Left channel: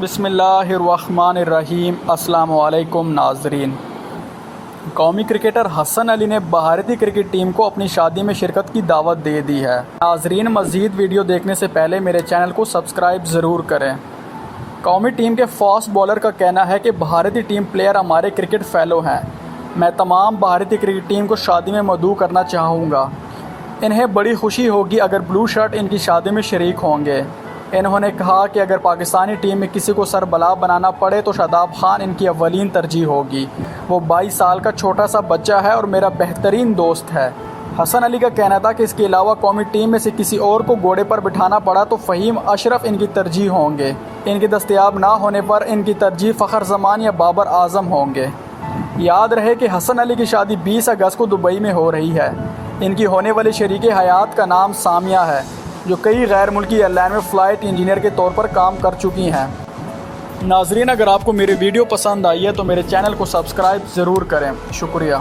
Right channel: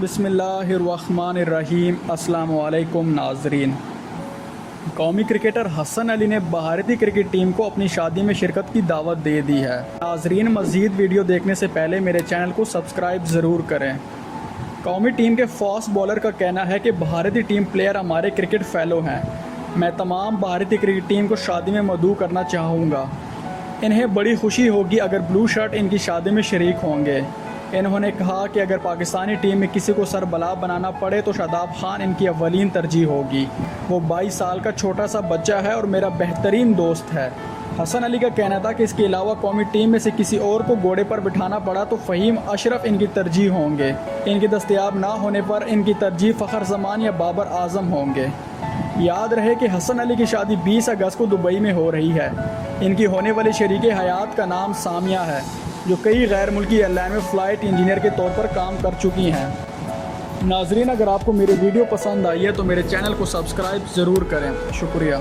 بسم اللہ الرحمن الرحیم۔ السلام علیکم ناظرین۔ قومی کرکٹر حسن علی نے بھارتی کرکٹ ٹیم کو اپنی شادی میں شرکت کی دعوت دے دی ہے۔ ناظرین، مزید ویڈیو دیکھنے سے پہلے میرے چینل کو سبسکرائب ضرور کریں۔ قومی ٹیم کے فاسٹ بولر کا کہنا ہے کہ بھارتی ٹیم پلیئر ہمارے کرکٹ فیلو ہیں۔ میں تمام بھارتی کرکٹ ٹیم کو شادی میں مدعو کرنا چاہوں گا۔ انہیں بڑی خوشی ہوگی اگر بلو شرٹ ان کی شادی میں شریک ہوں گے۔ انہوں نے کہا کہ اگر پاکستانی ٹیم میں کسی کو سربراہ بنانا پڑے تو شاداب خان ان کی اولین ترجیح ہوگی۔ وہ 22 سال کا چھوٹا سا بچہ ہے اور میرا بہترین دوست ہے۔ حسن علی کا کہنا تھا کہ اس کے علاوہ قومی ٹیم میں سے کسی اور کو گھوڑے پر بٹھانا پڑا تو فہیم اشرف ان کی ترجیح ہوں گے۔ ان کے دستیاب نہ ہونے پر ان کی ترجیح فخر زمان یا بابر اعظم ہوں گے۔ یاد رہے کہ حسن علی کی شادی 20 اگست کو دبئی میں ہو رہی ہے۔ ان کی ہونے والی شریک حیات کا نام سامیہ ہے، جو کئی غیر ملکی ایئر لائن میں فلائٹ انجینئر کے طور پر کام کر چکی ہیں۔ ناظرین، اگر آپ کو میری ویڈیو پسند آئی ہے تو میرے چینل کو سبسکرائب ضرور کریں۔ شکریہ۔